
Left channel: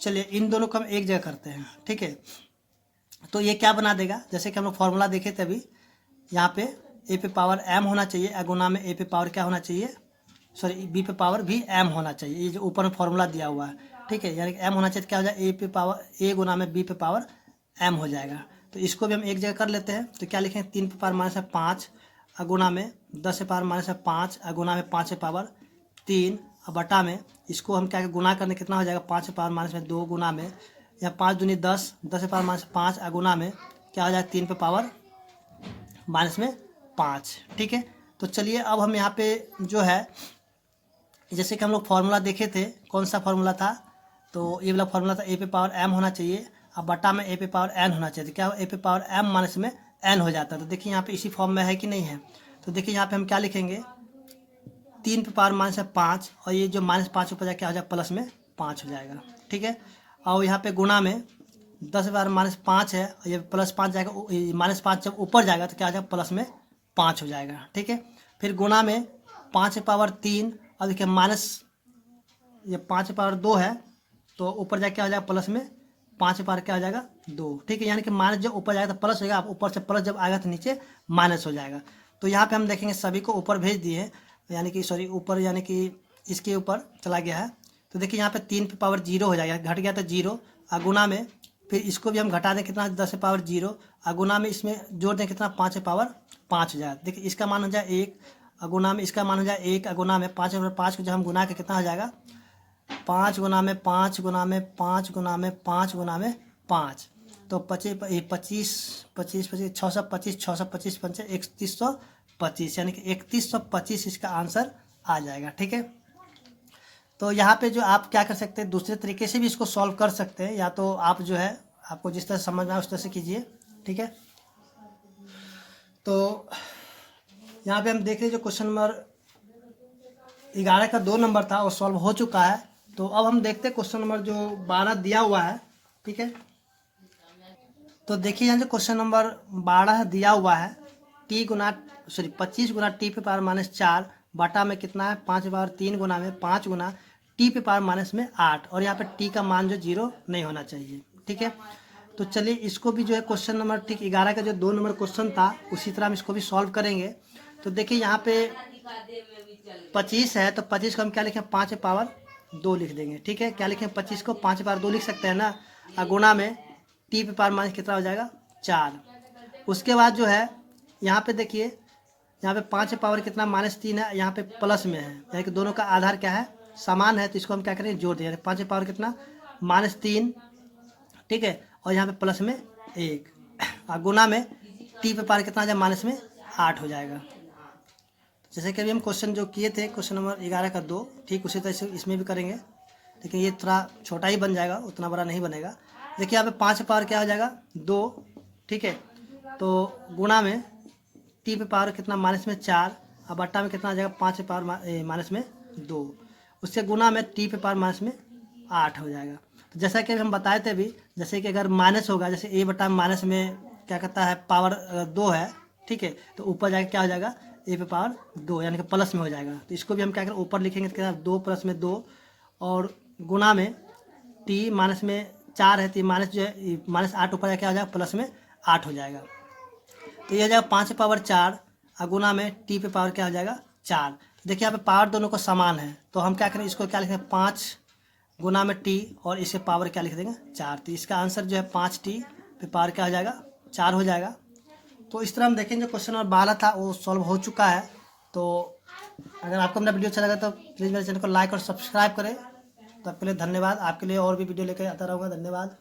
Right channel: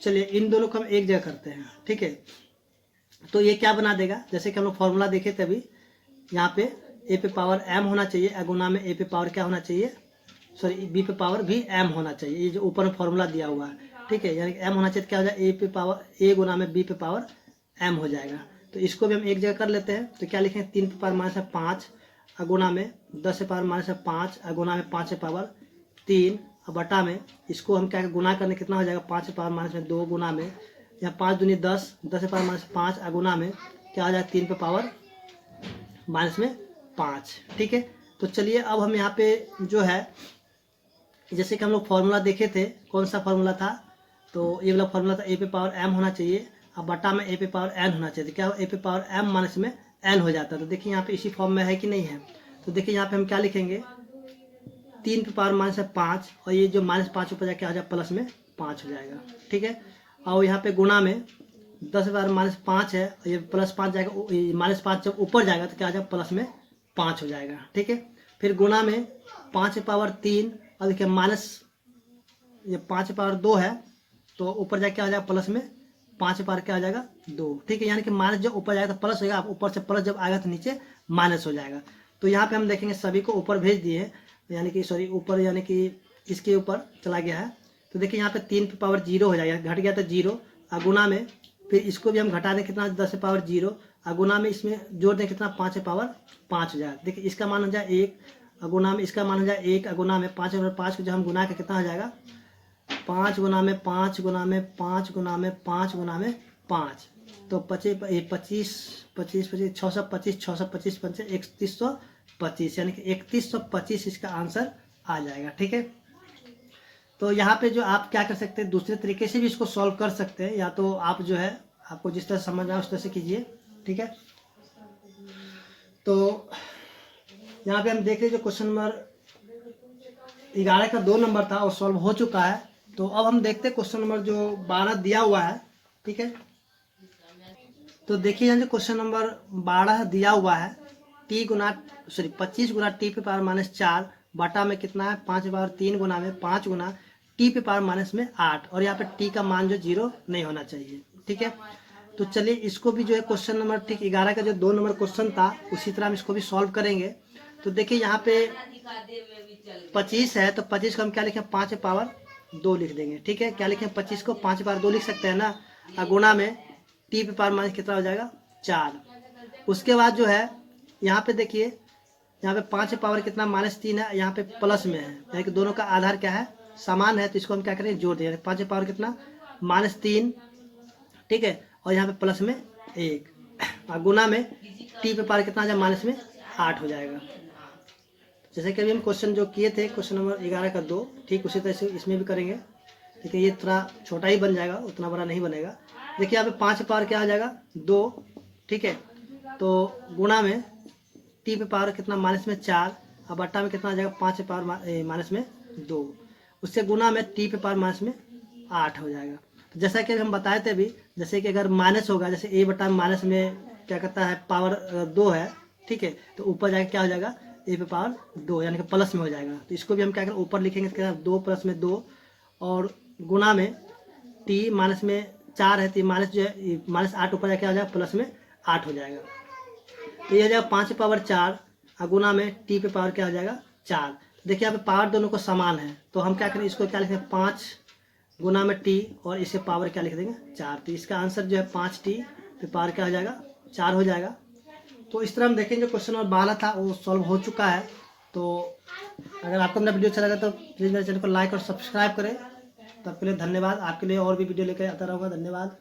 चलिए इन दोनों को हम एक जगह करते हैं। ठीक है, तो ये क्या बना देगा, जैसे कि हम लोग फॉर्मूला देखे थे अभी, यहाँ पे ए पे पावर एम होना चाहिए गुना में ए पे पावर क्या होना चाहिए, सॉरी बी पे पावर भी एम होना चाहिए, ये जो ऊपर में फॉर्मूला दिया हुआ है। ठीक है, यानी एम होना चाहिए, क्या हो जाए ए पे पावर ए गुना में बी पे पावर एम हो जाएगा। तो इसको भी हम एक जगह कर लेते हैं, तो क्या लिखेंगे 3 पे पावर माइनस 5 गुना में 10 पे पावर माइनस 5 गुना में 5 पे पावर 3 और बटा में इसको हम क्या गुना करने कितना हो जाएगा 5 पे पावर माइनस में 2 गुना में, या 5 दूनी 10 10 पे पावर माइनस 5 गुना में क्या हो जाएगा 3 पे पावर माइनस में 5। ठीक है, तो चलिए अब हम यहाँ पे जो है जैसे कि हम लोग फार्मूला देखे थे, कौन सा फार्मूला था, तो ये वाला फार्मूला था ए पे पावर एम होना चाहिए और बटा में ए पे पावर एन होना चाहिए, तो क्या ए पे पावर एम माइनस में एन हो जाता है। तो देखिए यहाँ पे इसी फॉर्म में है कि नहीं है, तो देखिए यहाँ पे हम क्या लिखेंगे 3 पे पावर माइनस है 5, और ये जो -5 ऊपर जाके आ जाएगा प्लस में 5 हो जाएगा। ठीक है, और यहाँ पे गुणा में 10 पे पावर -5 है, और ये +5 जाएगा, -5 जब ऊपर जाएगा तो क्या आ जाएगा प्लस में 5 हो जाएगा। ठीक है, फिर गुणा में 5 पे पावर 3, और देखिए ये 5 पे पावर 2 है, तो ऊपर जाके आ जाएगा प्लस में 5 पे पावर क्या आ जाएगा 2। ठीक है, यानी कि माइनस जब ऊपर जाएगा तो प्लस होगा, ऊपर से प्लस जब आएगा तो नीचे माइनस हो जाएगा। तो यहाँ पे हम देखेंगे सभी को ऊपर भेज दिए हैं, यानी कि सॉरी ऊपर, यानी कि इसके ऊपर चला गया है। तो देखिए यहाँ पे 3 पे पावर 0 हो जाएगा, घट गया तो 0, और गुना में फिर इसको भी हम घटा दें कितना 10 पे पावर 0, और गुना में इसमें जोड़ दें कितना 5 पे पावर 5 हो जाएगा। देखिए इसका मान हो जाए 1, और गुना में इसका मान हो जाए 1, और गुना में 5 और 5 को जब हम गुना के कितना हो जाएगा 5 गुना में 5 गुना में 5 गुना में 5 गुना में 5, तो 25 625 625 पंचे 3125, यानी कि 3125 इसका आंसर आ जाएगा। ठीक है, तो यहाँ पे जो आप क्या कर सकते हैं, दूसरे तरीके से भी इसको सॉल्व कर सकते हैं, या तो आप जो है आपको जिस तरह समझ आए उस तरह से कीजिए। ठीक है, तो यहाँ पे हम देख रहे जो क्वेश्चन नंबर 11 का 2 नंबर था वो सॉल्व हो चुका है। तो अब हम देखते हैं क्वेश्चन नंबर जो 12 दिया हुआ है। ठीक है, तो देखिए यहाँ जो क्वेश्चन नंबर 12 दिया हुआ है, 25 गुना टी पे पावर -4 बटा में कितना है 5 बार 3 गुना में 5 गुना टी पे पावर माइनस में 8, और यहाँ पे टी का मान जो 0 नहीं होना चाहिए। ठीक है, तो चलिए इसको भी जो है क्वेश्चन नंबर ठीक 11 का जो 2 नंबर क्वेश्चन था उसी तरह हम इसको भी सॉल्व करेंगे। तो देखिए यहाँ पे 25 है, तो 25 को हम क्या लिखें 5 पे पावर 2 लिख देंगे। ठीक है, क्या लिखें 25 को 5 पे पावर 2 लिख सकते हैं ना, और गुना में टी पे पावर माइनस कितना हो जाएगा 4। उसके बाद जो है यहाँ पे देखिए यहाँ पे 5 पे पावर कितना -3 है, यहाँ पे प्लस में है, यानी कि दोनों का आधार क्या है समान है, तो इसको हम क्या करेंगे जोड़ देंगे। 5 पे पावर कितना -3, ठीक है, और यहाँ पे प्लस में 1, और गुना में टी पे पावर कितना आ जाएगा माइनस में 8 हो जाएगा। जैसे कि अभी हम क्वेश्चन जो किए थे क्वेश्चन नंबर 11 का 2, ठीक उसी तरह से इसमें भी करेंगे, लेकिन ये थोड़ा छोटा ही बन जाएगा, उतना बड़ा नहीं बनेगा। देखिए यहाँ पे 5 पे पावर क्या हो जाएगा 2, ठीक है, तो गुणा में टी पे पावर कितना माइनस में 4, और बट्टा में कितना आ जाएगा 5 पे पावर माइनस में 2, उससे गुना में टी पे पावर माइनस में 8 हो जाएगा। तो जैसा कि हम बताए थे अभी, जैसे कि अगर माइनस होगा, जैसे ए बटा माइनस में क्या कहता है पावर 2 है, ठीक है, तो ऊपर जाके क्या हो जाएगा ए पे पावर 2, यानी कि प्लस में हो जाएगा। तो इसको भी हम क्या करें ऊपर लिखेंगे, तो क्या 2 प्लस में 2, और गुना में टी माइनस में 4 है, तो माइनस जो है -8 ऊपर जाके आ जाएगा प्लस में 8 हो जाएगा। तो ये हो जाएगा 5 पे पावर 4, और गुना में टी पे पावर क्या हो जाएगा 4। तो देखिए यहाँ पे पावर दोनों को समान है, तो हम क्या करें इसको क्या लिखें 5 गुना में टी, और इसे पावर क्या लिख देंगे 4। तो इसका आंसर जो है 5t पे पावर क्या हो जाएगा 4 हो जाएगा। तो इस तरह हम देखेंगे क्वेश्चन नंबर 12 था वो सॉल्व हो चुका है। तो अगर आपको मेरा वीडियो अच्छा लगा तो प्लीज़ मेरे चैनल को लाइक और सब्सक्राइब करें। तो आपके लिए धन्यवाद, आपके लिए और भी वीडियो लेकर आता रहूँगा। धन्यवाद।